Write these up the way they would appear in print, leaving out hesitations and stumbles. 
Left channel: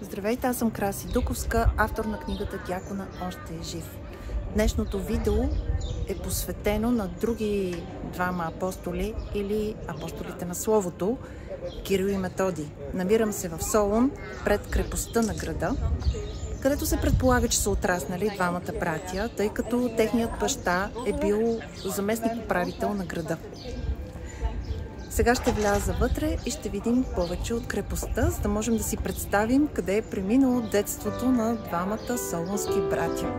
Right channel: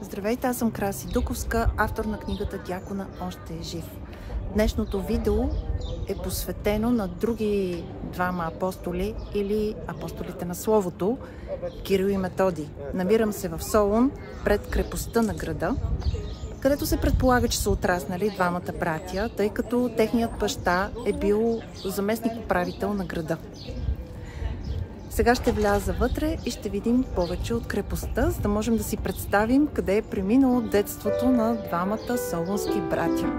Здравейте, аз съм Краси Дуковска, автор на книгата Дякона още е жив. Днешното видео е посветено на други двама апостоли или апостолите на Словото, Кирил и Методий. Намирам се в Солун, пред крепостта на града, където се предполага, че са отраснали двамата братя, тъй като техният баща е бил заместник-управител на града. Сега ще вляза вътре и ще видим повече от крепостта, за да можем да си представим къде е преминало детството на двамата солунски братя.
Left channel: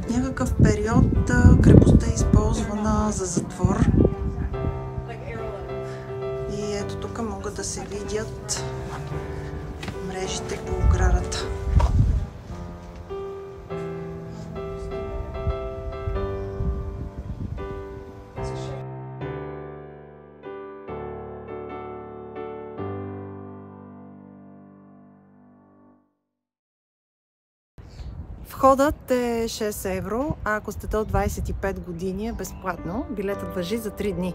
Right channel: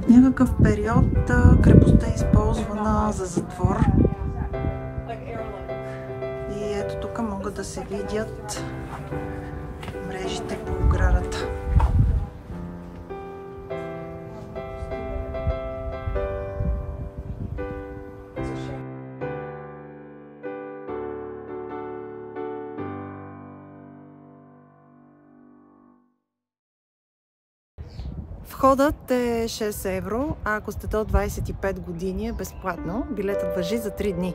В някакъв период крепостта е използвана за затвор. И ето тук могат да се видят мрежите по оградата. Входът е 6 евро, а ако сте до 25 години е безплатно. Билетът важи за 3 дни.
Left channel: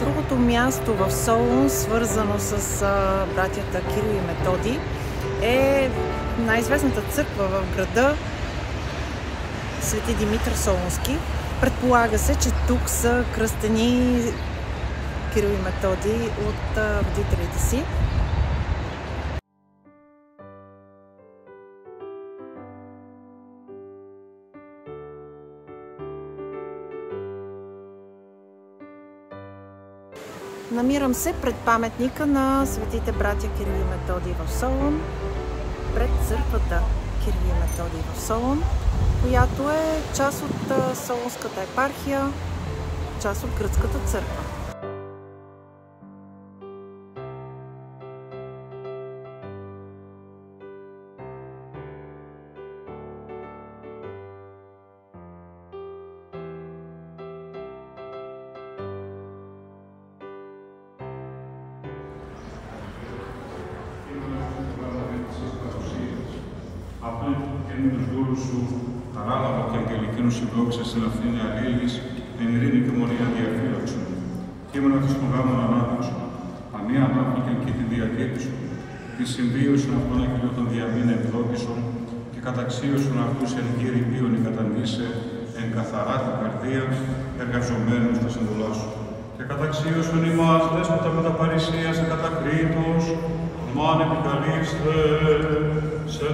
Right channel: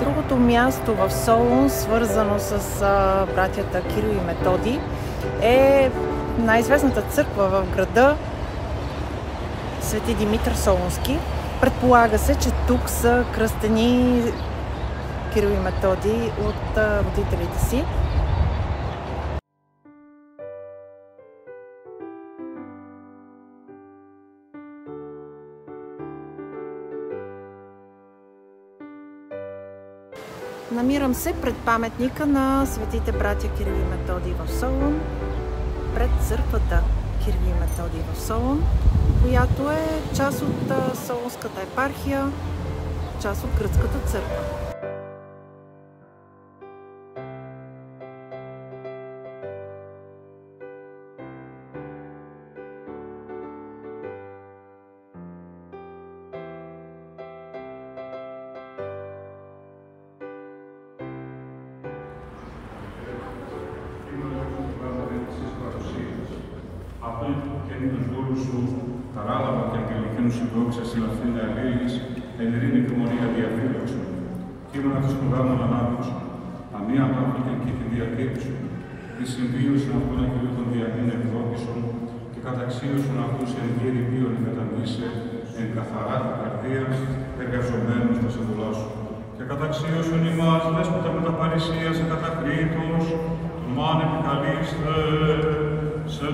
Другото място в Солун, свързано с братята Кирил и Методий, е най-известната църква в града Свети Димитър Солунски. Предполага се, че тук са кръстени Кирил и Методий от родителите си. Намирам се пред паметника на светите братя Кирил и Методий в Солун, пред църквата Кирил и Методий в Солун, която е част от Солунската епархия, част от гръцката църква. Τους δούλους σου, ανάλαβα και αγγελικίνους συμπρόξες σε λαθρήν αλλήλης, εν ειρήνη και μονία διαφύλαξον. Κείμενα τους του γάμων ανάπτυξον, αμία ανάπτυκαν και την διακήρυξον, τη συμβίωσιν αυτών αγγελιώτων διαμήν εκδότησον, και καταξίωσον αυτούς εν γύρι πίον εγκατανήσε, εν καθαρά την καρδία, εργαζομένους τα συμβουλά σου. Και καταξίωσον ημάς, δέσποτα με τα παρησίας εκατακρίτως, μάν επικαλείστε, σε